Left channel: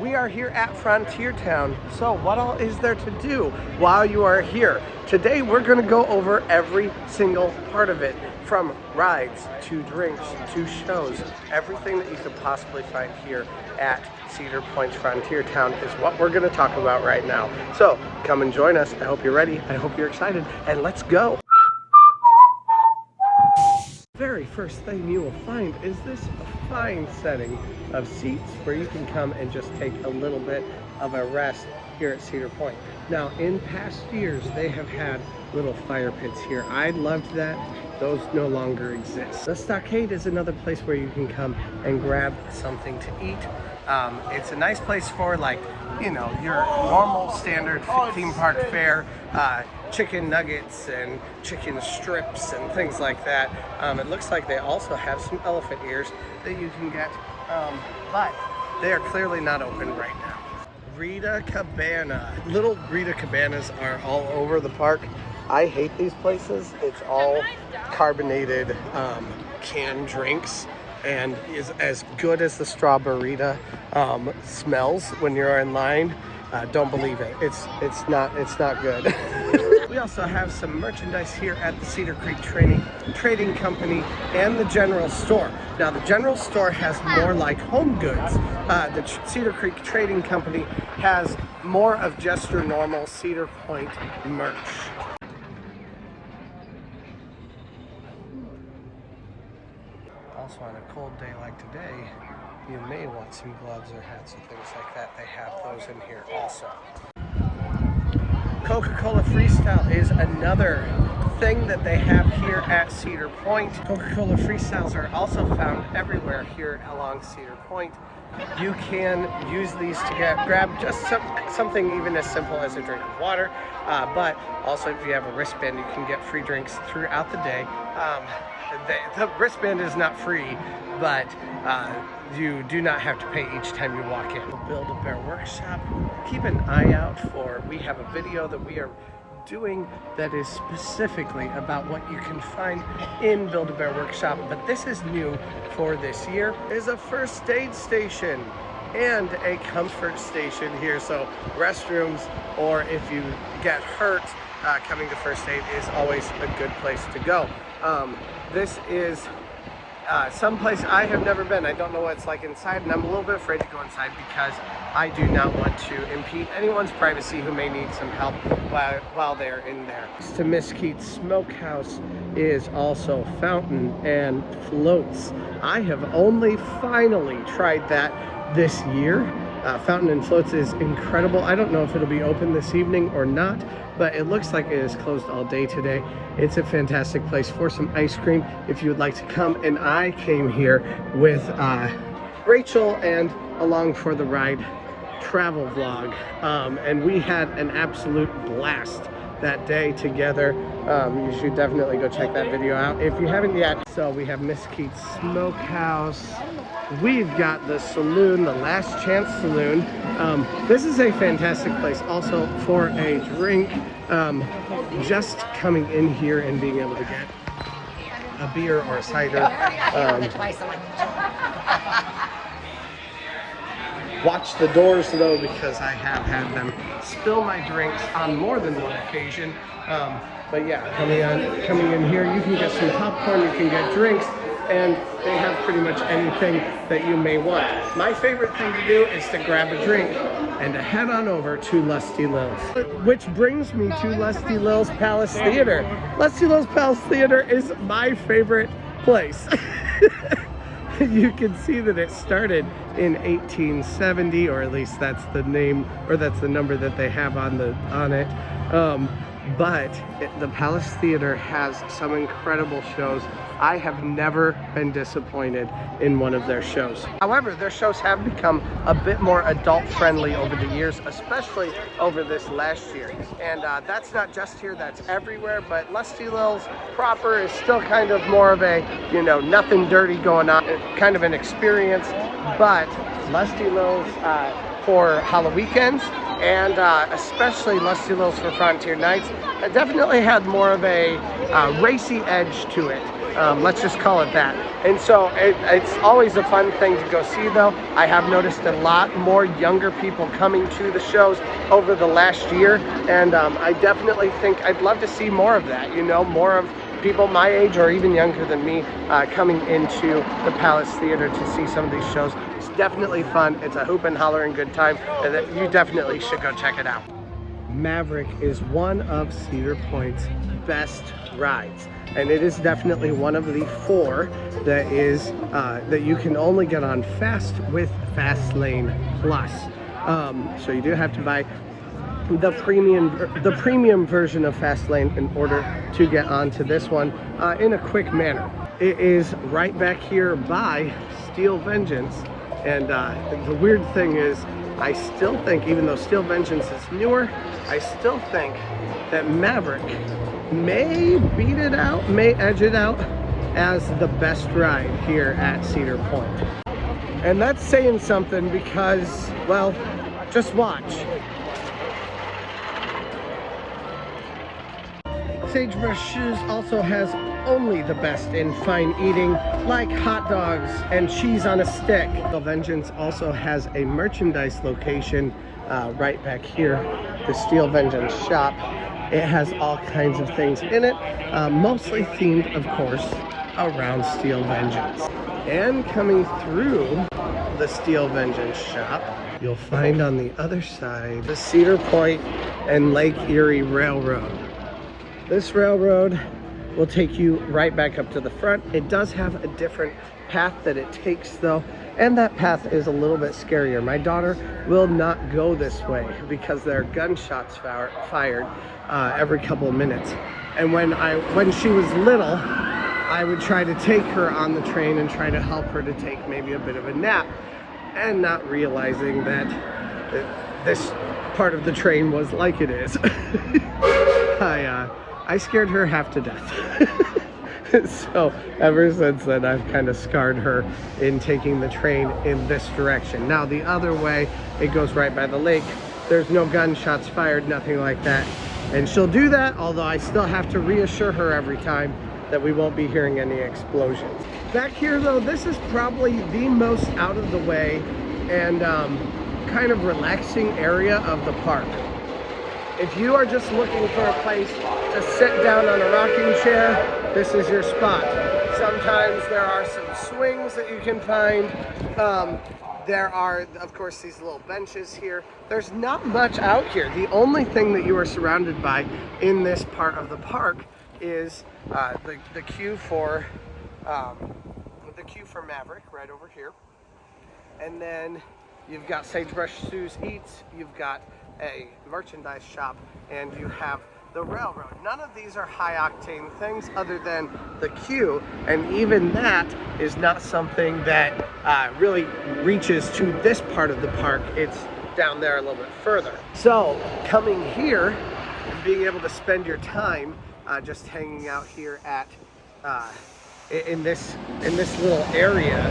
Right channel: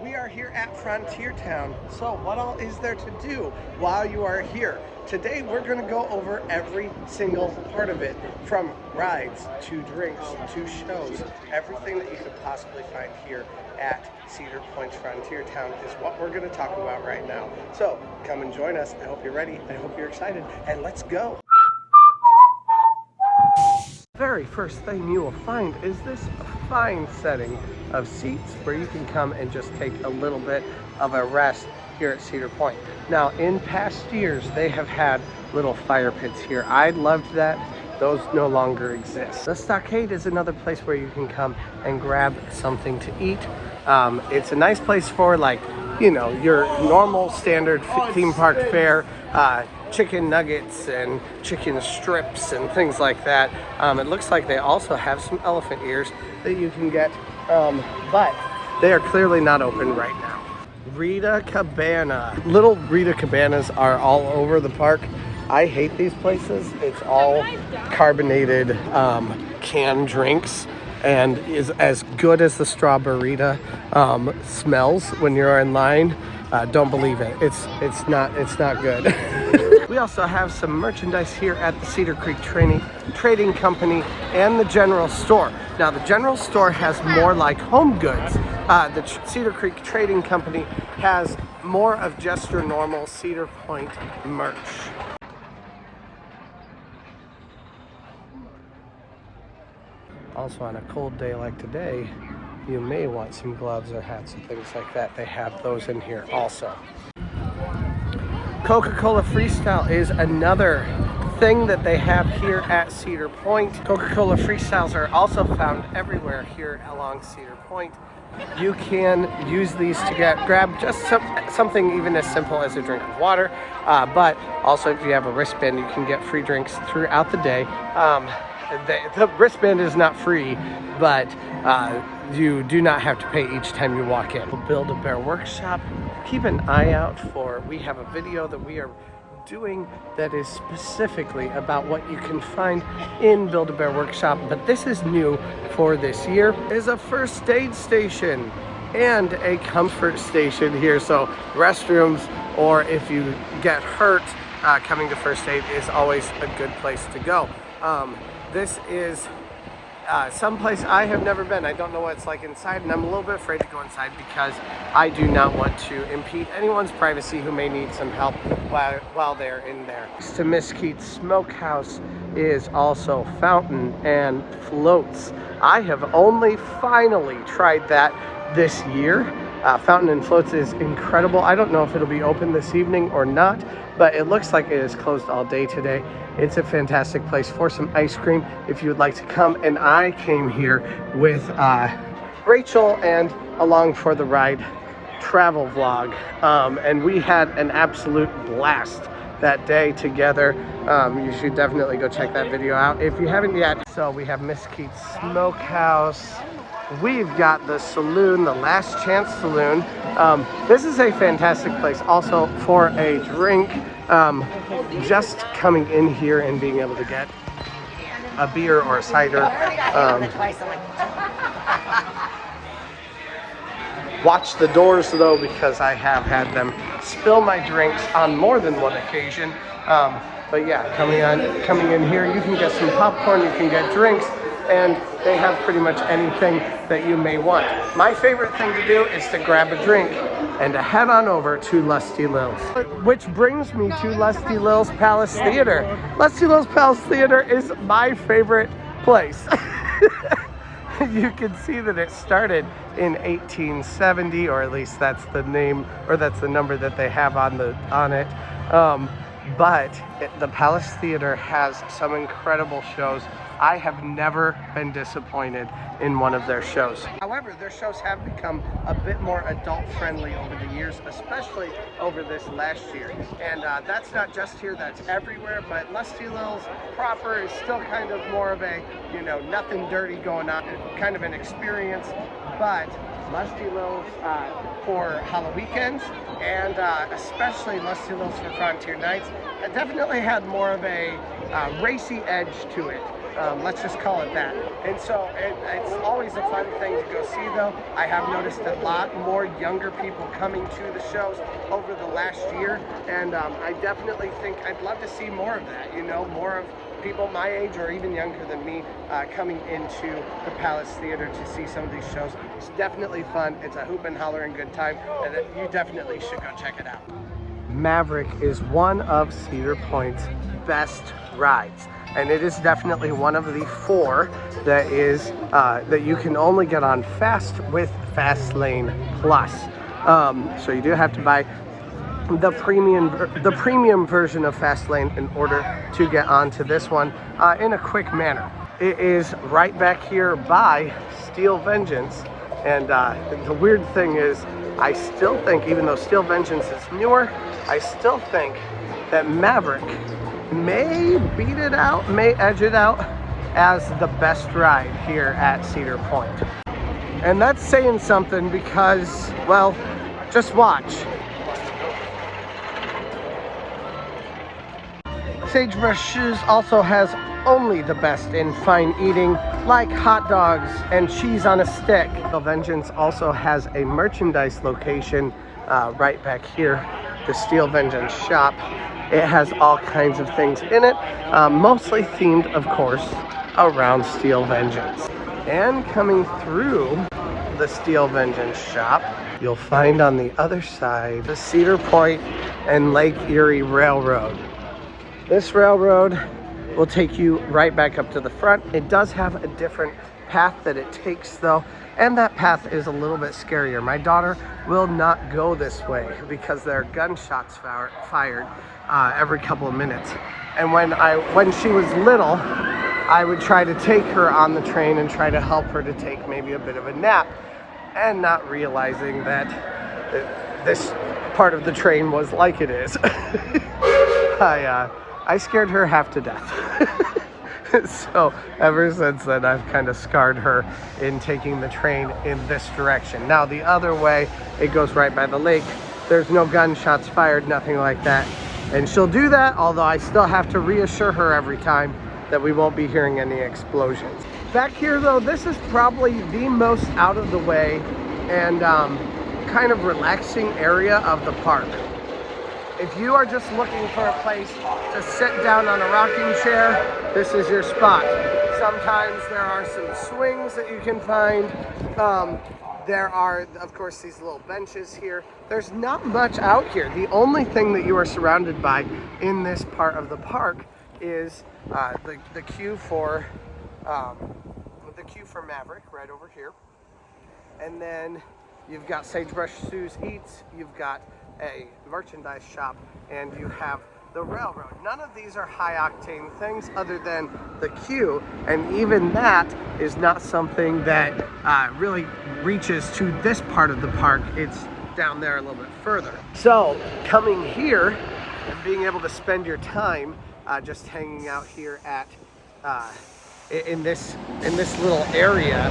We are here at Frontier Town, so what all is there to do while you are here? Today we're going to go over every single part of it, from rides to drinks to shows. Everything that you could possibly find here at Cedar Point's Frontier Town is what we're going to talk about right now. So come and join us. I hope you're ready. I hope you're excited, and let's go. Very first thing you will find is this fine setting of seats where you can come and just take a little bit of a rest here at Cedar Point. Now, in past years, they have had little fire pits here. I loved that. Those no longer exist. The Stockade is another place where you can come and grab something to eat. It's a nice place for, like, you know, your normal standard theme park fare. Chicken nuggets and chicken strips and things like that. It looks like they also have some elephant ears that you can get, but they are clearly not open right now. Rita Cabana. Little Rita Cabanas are all over the park. I hate these places. It's all carbonated canned drinks, and is as good as the Strawberryta smells when you're in line. Don't believe it. It's not good. We also have some merchandise here at the Cedar Creek Trading Company and the General Store. Now, the General Store has more like home goods. The Cedar Creek Trading Company has more of just your normal Cedar Point merch. Also, on a cold day like today, you may want some gloves or hats and things like that. They have those in here also. Coca-Cola Freestyle is another thing that they have here at Cedar Point. Coca-Cola Freestyles are also found everywhere here along Cedar Point. You can use these to grab just something even as simple as a drink of water, but also if you have a wristband, you can get free drinks throughout the day. The wristband is not free, but you do not have to pay each time you walk in. Build-A-Bear Workshop, keep an eye out for, we have a video that we are doing that is specifically about what you can find in Build-A-Bear Workshop, but this is new for this year. It is a first aid station and a comfort station here, so restrooms, or if you get hurt, coming to first aid is always a good place to go. This is someplace I have never been. I don't know what it's like inside, and I'm a little bit afraid to go inside because I do not want to impede anyone's privacy who may need some help while they're in there. To Mesquite Smokehouse is also fountain and floats. I have only finally tried that this year. Fountain and floats is incredible. I don't know if it'll be open this evening or not, but it looks like it is closed all day today. It's a fantastic place for some ice cream if you would like to come. And I came here with Rachel and Along for the Ride travel vlog, and we had an absolute blast that day together. You should definitely go check that video out if you haven't yet. So we have Mesquite Smokehouse. We've got the saloon, the Last Chance Saloon. This is a fantastic place also for a drink. Just coming in here and being able to get a beer or a cider. Watch the doors though, because I have had them spill my drinks on more than one occasion. But yeah, coming in here, you can get some popcorn, you can get drinks, and they have pretty much anything that you may want. My favorite thing to do is to grab a drink and to head on over to Lusty Lil's. Which brings me to Lusty Lil's Palace Theater. Lusty Lil's Palace Theater is my favorite place. You can see that it started in 1870, or at least that's the name, or that's the number that they have on it. But the Palace Theater has some incredible shows. I have never been disappointed in one of their shows. However, their shows have become a bit more adult friendly over the years, especially over this last year. And that's not just here, that's everywhere, but Lusty Lil's proper is still kind of more of a, you know, nothing dirty going on, kind of an experience. But Lusty Lil's for Halloween and especially Lusty Lil's for Frontier Nights, it definitely had more of a racy edge to it. Let's just call it that. And so it's always a fun thing to go see though. I have noticed a lot more younger people coming to the shows over the last year, and I definitely think I'd love to see more of that, you know, more of people my age or even younger than me coming into the Palace Theater to see some of these shows. It's definitely fun. It's a hoop and hollering good time, and you definitely should go check it out. Maverick is one of Cedar Point's best rides, and it is definitely one of the 4 that is that you can only get on fast with Fast Lane Plus. So you do have to buy the premium version of Fast Lane in order to get onto this one in a quick manner. It is right back here by Steel Vengeance, and the weird thing is, I still think, even though Steel Vengeance is newer, I still think that Maverick may beat it out, may edge it out as the best ride here at Cedar Point. And that's saying something because, well, just watch. Sagebrush Shoes also has only the best in fine eating, like hot dogs and cheese on a stick. The Vengeance also has a merchandise location right back here, the Steel Vengeance shop. It has all kinds of things in it, mostly themed, of course, around Steel Vengeance. And coming through the Steel Vengeance shop, you'll find on the other side the Cedar Point and Lake Erie Railroad. This railroad will take you right back up to the front. It does have a different path that it takes though, and that path is a little bit scarier. My daughter will not go this way because there are gunshots fired every couple of minutes. And when she was little, I would try to take her on the train and try to help her to take maybe a bit of a nap, and not realizing that this part of the train was like it is. I scared her half to death. So ever since then, I've kind of scarred her in taking the train in this direction. Now the other way, it goes right by the lake. There's no gunshots fired, nothing like that. And she'll do that, although I still have to reassure her every time that we won't be hearing any explosions. Back here though, this is probably the most out of the way and kind of relaxing area of the park. If you are just looking for a place to sit down on a rocking chair, this is your spot. Sometimes there are some swings that you can find. There are, of course, these little benches here. There's not much out here. The only thing that you are surrounded by in this part of the park is the queue for Maverick right over here. And then you've got Sagebrush Shoes Eats, you've got a merchandise shop, and you have the railroad. None of these are high octane things other than the queue, and even that is not something that really reaches to this part of the park. It's down there a little bit further. So coming here and being able to spend your time just hanging out here at in this little area,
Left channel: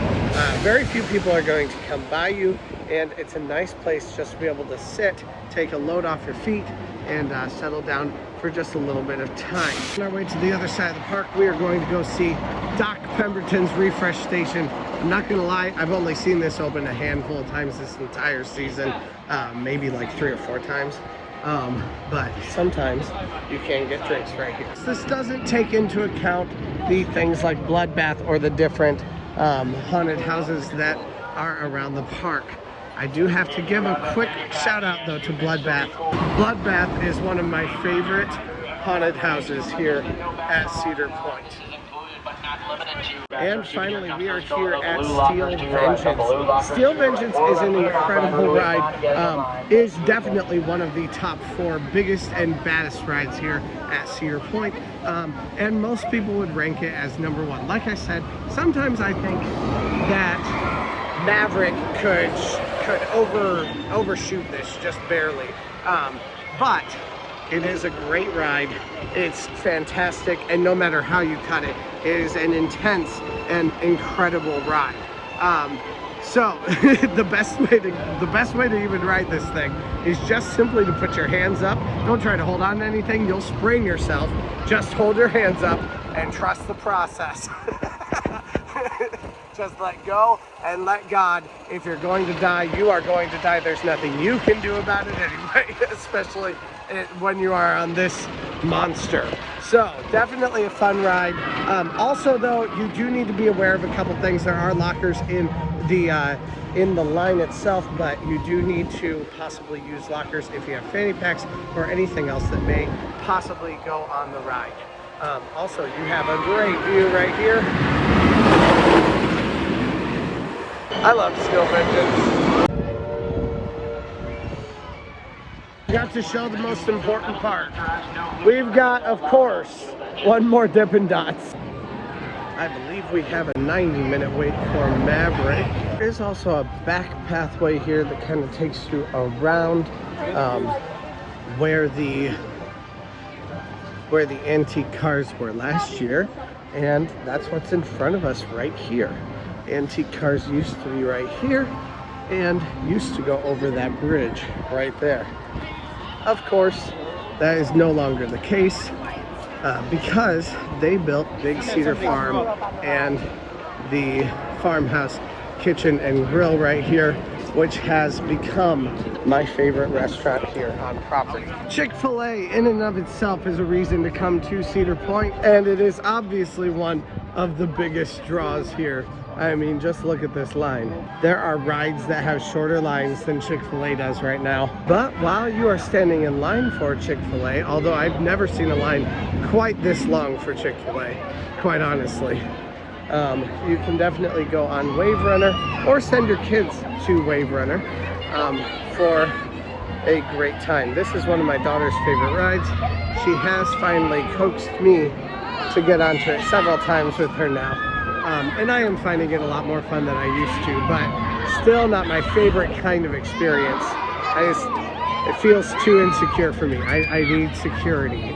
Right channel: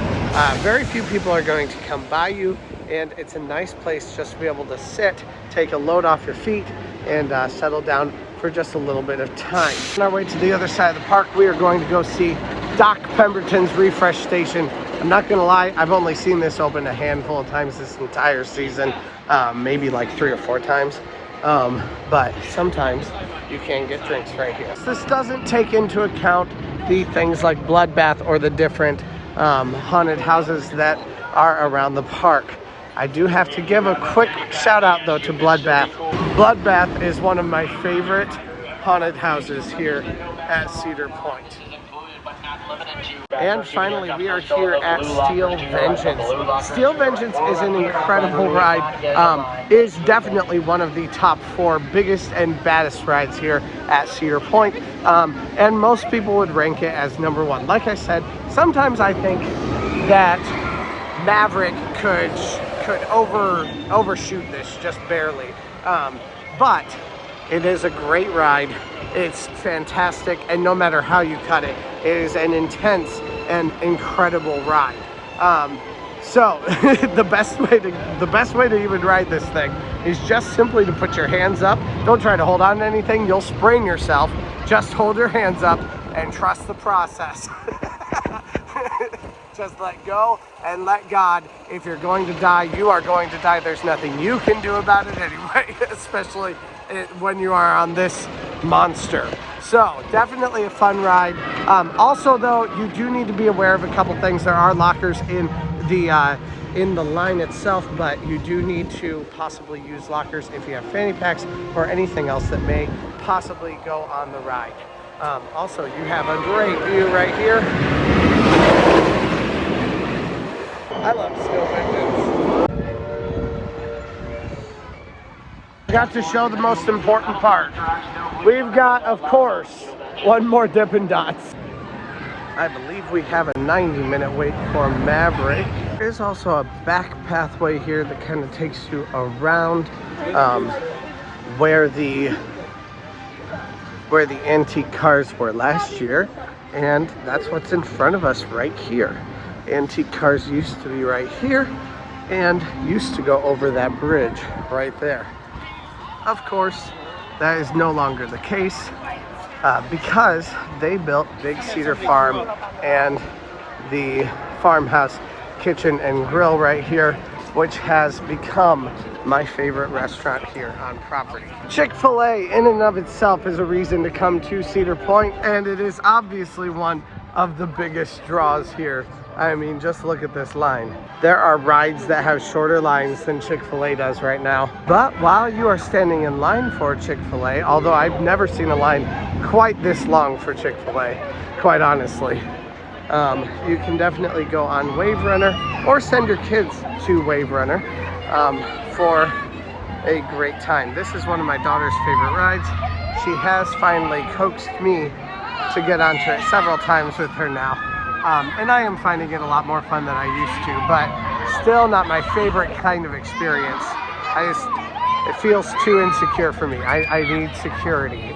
very few people are going to come by you, and it's a nice place just to be able to sit, take a load off your feet, and settle down for just a little bit of time. On our way to the other side of the park, we are going to go see Doc Pemberton's Refresh Station. I'm not gonna lie, I've only seen this open a handful of times this entire season, maybe like 3 or 4 times. But sometimes you can get drinks right here. This doesn't take into account the things like Bloodbath or the different haunted houses that are around the park. I do have to give a quick shout out though to Bloodbath. Bloodbath is one of my favorite haunted houses here at Cedar Point. And finally, we are here at Steel Vengeance. Steel Vengeance is an incredible ride. It is definitely one of the top 4 biggest and baddest rides here at Cedar Point. And most people would rank it as number 1. Like I said, sometimes I think that Maverick could overshoot this just barely. But it is a great ride. It's fantastic, and no matter how you cut it, it is an intense and incredible ride. So the best way to even ride this thing is just simply to put your hands up. Don't try to hold on to anything, you'll sprain yourself. Just hold your hands up and trust the process. Just let go and let God. If you're going to die, you are going to die. There's nothing you can do about it anyway, especially when you are on this monster. So definitely a fun ride. Also though, you do need to be aware of a couple things. There are lockers in the line itself, but you do need to possibly use lockers if you have fanny packs or anything else that may possibly go on the ride. Also, you have a great view right here. I love scope engines. Got to show the most important part. We've got, of course, one more Dippin' Dots. I believe we have a 90-minute wait for Maverick. There's also a back pathway here that kind of takes you around where the antique cars were last year, and that's what's in front of us right here. Antique cars used to be right here and used to go over that bridge right there. Of course, that is no longer the case because they built Big Cedar Farm and the farmhouse kitchen and grill right here, which has become my favorite restaurant here on property. Chick-fil-A in and of itself is a reason to come to Cedar Point, and it is obviously one of the biggest draws here. I mean, just look at this line. There are rides that have shorter lines than Chick-fil-A does right now. But while you are standing in line for Chick-fil-A, although I've never seen a line quite this long for Chick-fil-A, quite honestly, you can definitely go on Wave Runner or send your kids to Wave Runner for a great time. This is one of my daughter's favorite rides. She has finally coaxed me to get onto it several times with her now. And I am finding it a lot more fun than I used to, but still not my favorite kind of experience. It feels too insecure for me. I need security.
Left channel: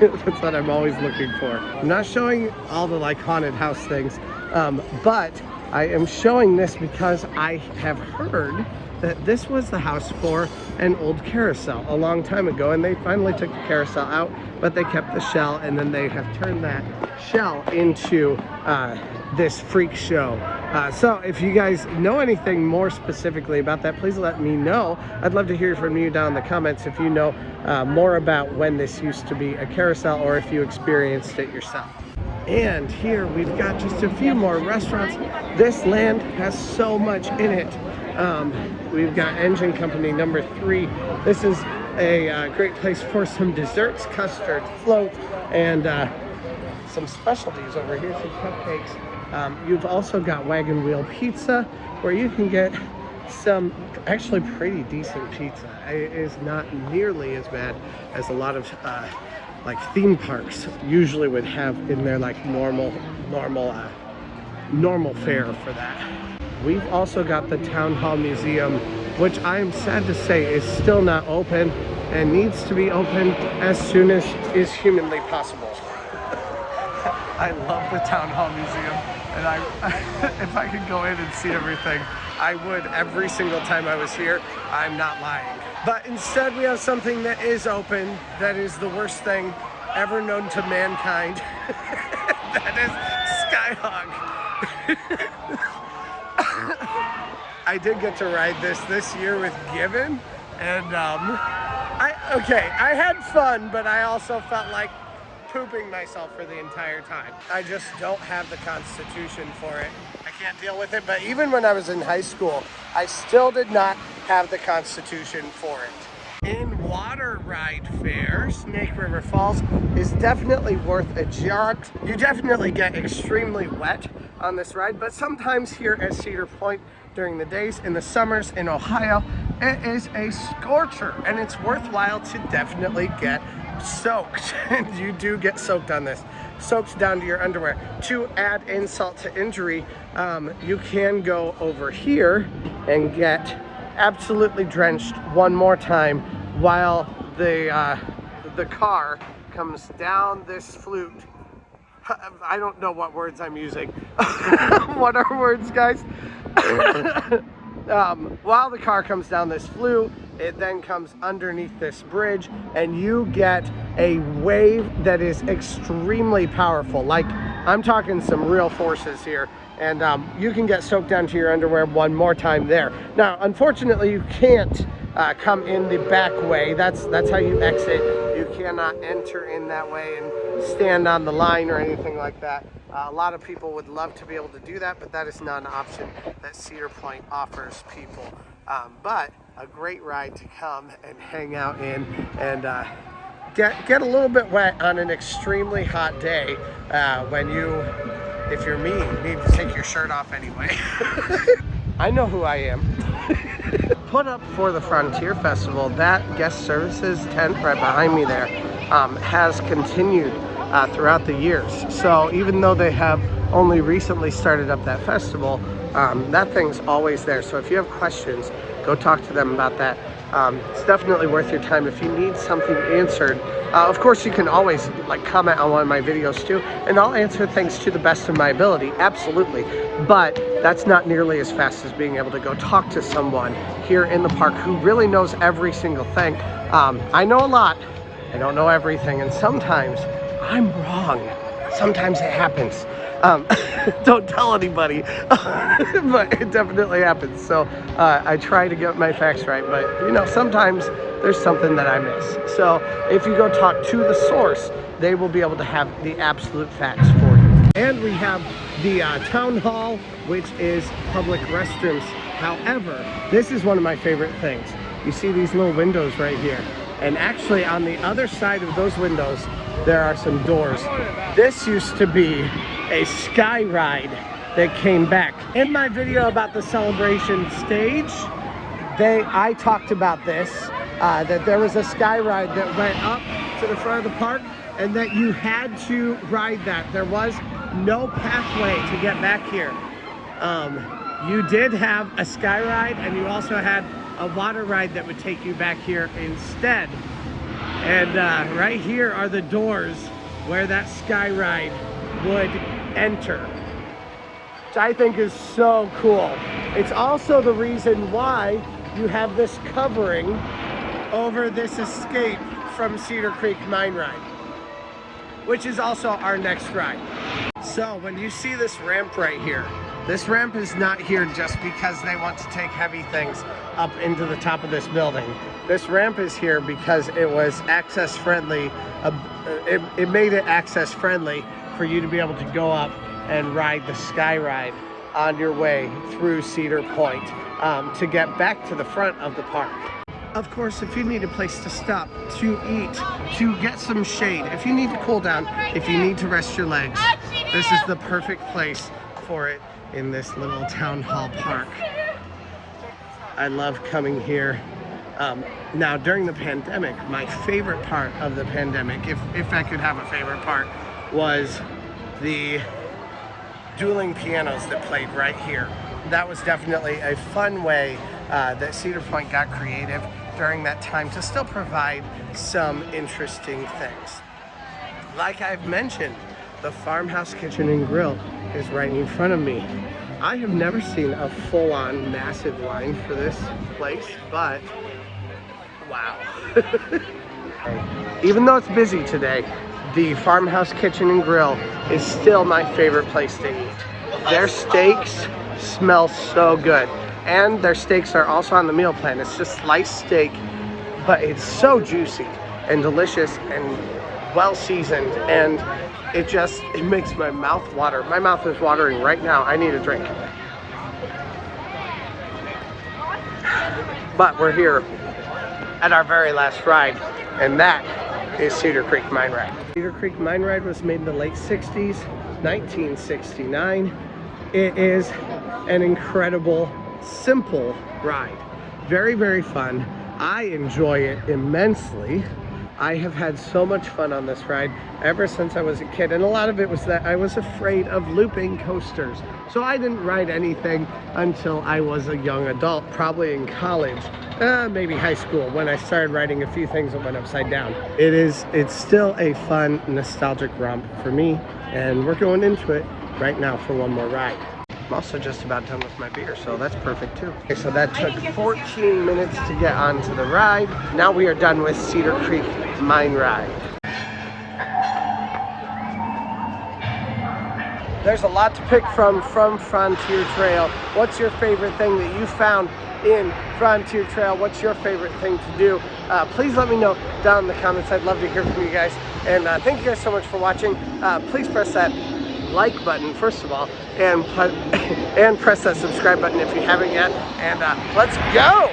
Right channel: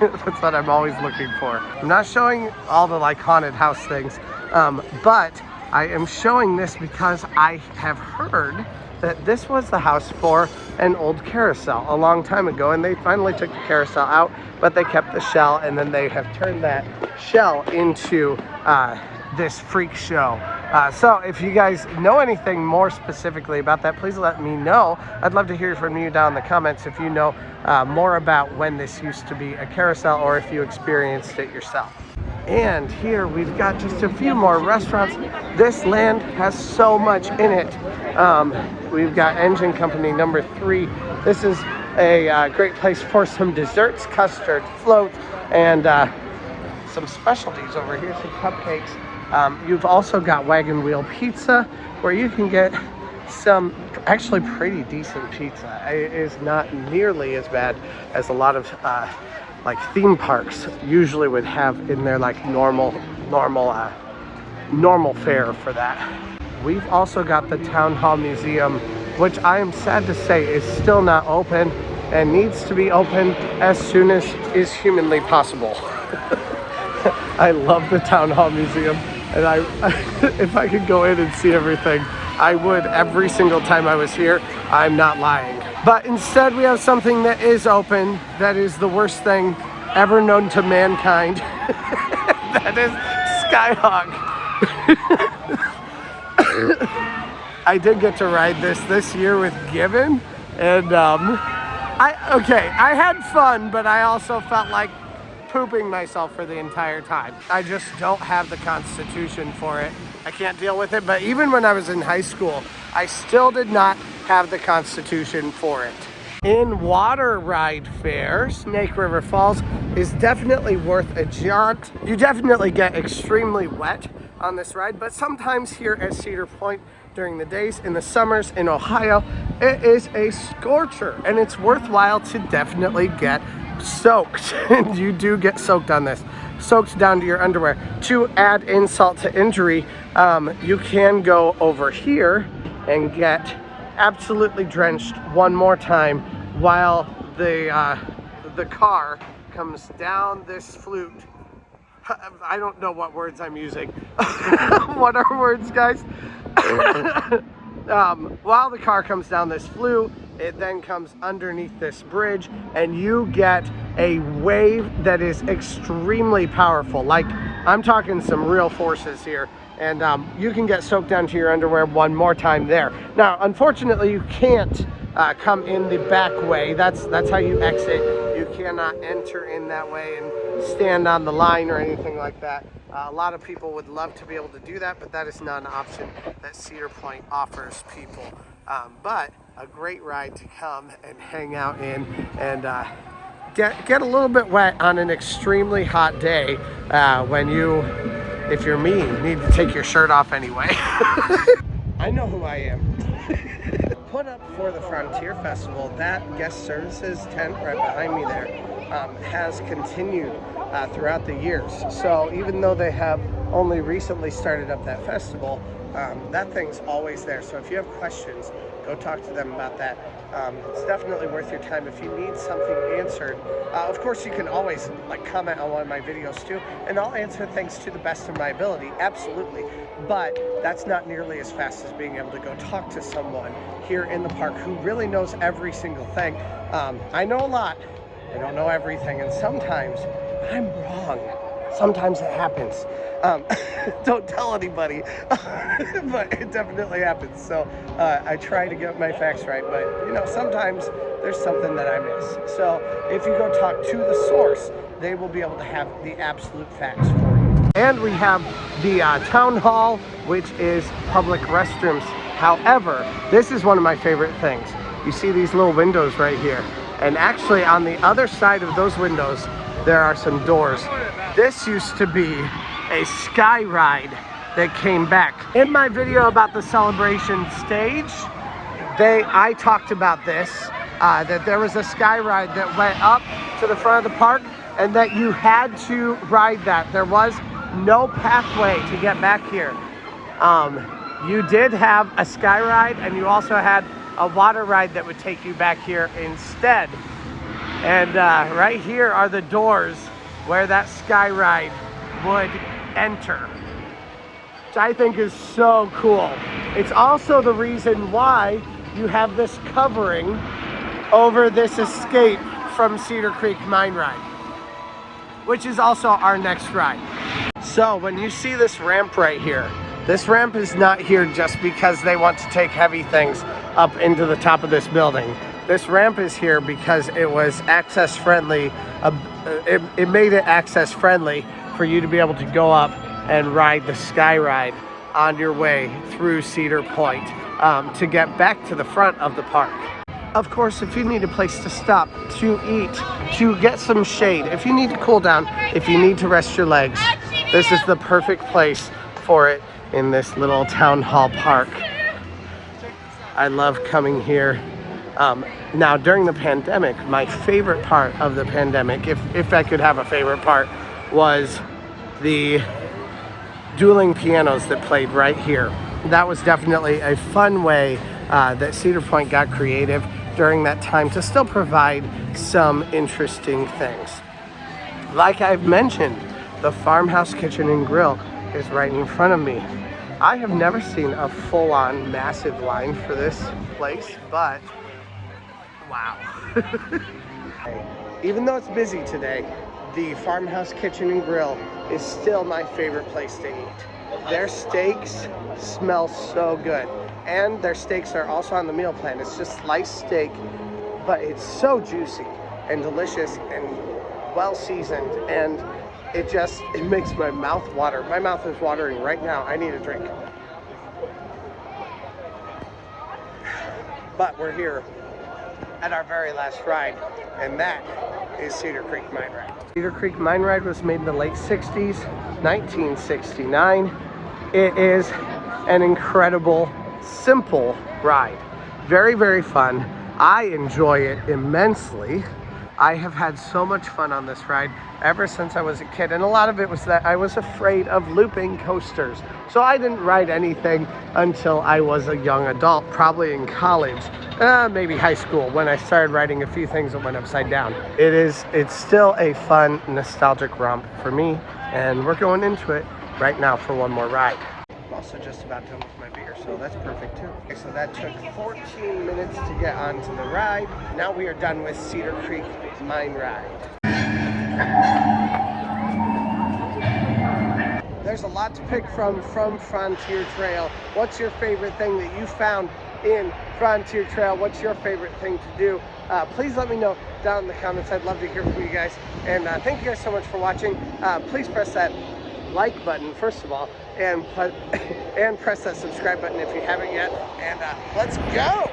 That's what I'm always looking for. I'm not showing all the like haunted house things, but I am showing this because I have heard that this was the house for an old carousel a long time ago, and they finally took the carousel out, but they kept the shell, and then they have turned that shell into this freak show. So if you guys know anything more specifically about that, please let me know. I'd love to hear from you down in the comments if you know more about when this used to be a carousel or if you experienced it yourself. And here we've got just a few more restaurants. This land has so much in it. We've got Engine Company number 3. This is a great place for some desserts, custard, float, and some specialties over here, some cupcakes. You've also got Wagon Wheel Pizza, where you can get some actually pretty decent pizza. It is not nearly as bad as a lot of like theme parks usually would have in their like normal fare for that. We've also got the Town Hall Museum, which I am sad to say is still not open and needs to be open as soon as is humanly possible. I love the Town Hall Museum, and if I could go in and see everything, I would every single time I was here. I'm not lying. But instead we have something that is open, that is the worst thing ever known to mankind. That is Skyhawk. I did get to ride this year with Given, and I had fun, but I also felt like pooping myself for the entire time. I just don't have the constitution for it. I can't deal with it, but even when I was in high school, I still did not have the constitution for it. In water ride fare, Snake River Falls is definitely worth a jaunt. You definitely get extremely wet on this ride, but sometimes here at Cedar Point during the days in the summers in Ohio, it is a scorcher, and it's worthwhile to definitely get soaked. And you do get soaked on this, soaked down to your underwear. To add insult to injury, you can go over here and get absolutely drenched one more time while the car comes down this flute. I don't know what words I'm using. What are words, guys? while the car comes down this flue, it then comes underneath this bridge, and you get a wave that is extremely powerful. Like, I'm talking some real forces here, and you can get soaked down to your underwear one more time there. Now, unfortunately, you can't come in the back way. That's how you exit. You cannot enter in that way and stand on the line or anything like that. A lot of people would love to be able to do that, but that is not an option that Cedar Point offers people. But a great ride to come and hang out in and get a little bit wet on an extremely hot day when you, if you're me, need to take your shirt off anyway. I know who I am. Put up for the Frontier Festival, that guest services tent right behind me there has continued throughout the years. So even though they have only recently started up that festival, that thing's always there. So if you have questions, go talk to them about that. It's definitely worth your time. If you need something answered, of course you can always like comment on one of my videos too, and I'll answer things to the best of my ability, absolutely. But that's not nearly as fast as being able to go talk to someone here in the park who really knows every single thing. I know a lot, I don't know everything, and sometimes I'm wrong. Sometimes it happens. Don't tell anybody, but it definitely happens. So I try to get my facts right, but you know, sometimes there's something that I miss. So if you go talk to the source, they will be able to have the absolute facts for you. And we have the town hall, which is public restrooms. However, this is one of my favorite things. You see these little windows right here. And actually on the other side of those windows, there are some doors. This used to be a sky ride that came back. In my video about the celebration stage, I talked about this, that there was a sky ride that went up to the front of the park and that you had to ride that. There was no pathway to get back here. You did have a sky ride, and you also had a water ride that would take you back here instead. And right here are the doors where that sky ride would enter, which I think is so cool. It's also the reason why you have this covering over this escape from Cedar Creek Mine Ride, which is also our next ride. So when you see this ramp right here, this ramp is not here just because they want to take heavy things up into the top of this building. This ramp is here because it was access friendly. It made it access friendly for you to be able to go up and ride the sky ride on your way through Cedar Point to get back to the front of the park. Of course, if you need a place to stop, to eat, to get some shade, if you need to cool down, if you need to rest your legs, this is the perfect place for it in this little town hall park. I love coming here. Now, during the pandemic, my favorite part of the pandemic, if I could have a favorite part, was the dueling pianos that played right here. That was definitely a fun way that Cedar Point got creative during that time to still provide some interesting things. Like I've mentioned, the Farmhouse Kitchen and Grill is right in front of me. I have never seen a full-on massive line for this place, but wow. Even though it's busy today, the Farmhouse Kitchen and Grill is still my favorite place to eat. Their steaks smell so good, and their steaks are also on the meal plan. It's just sliced steak, but it's so juicy and delicious and well seasoned, and it makes my mouth water. My mouth is watering right now. I need a drink. But we're here at our very last ride, and that is Cedar Creek Mine Ride. Cedar Creek Mine Ride was made in the late 60s, 1969. It is an incredible, simple ride. Very, very fun. I enjoy it immensely. I have had so much fun on this ride ever since I was a kid, and a lot of it was that I was afraid of looping coasters. So I didn't ride anything until I was a young adult, probably in college, maybe high school, when I started riding a few things that went upside down. It's still a fun, nostalgic romp for me, and we're going into it right now for one more ride. I'm also just about done with my beer, so that's perfect too. Okay, so that took 14 minutes to get onto the ride. Now we are done with Cedar Creek Mine Ride. There's a lot to pick from Frontier Trail. What's your favorite thing that you found in Frontier Trail? What's your favorite thing to do? Please let me know down in the comments. I'd love to hear from you guys. And thank you guys so much for watching. Please press that like button first of all, and press that subscribe button if you haven't yet. And let's go!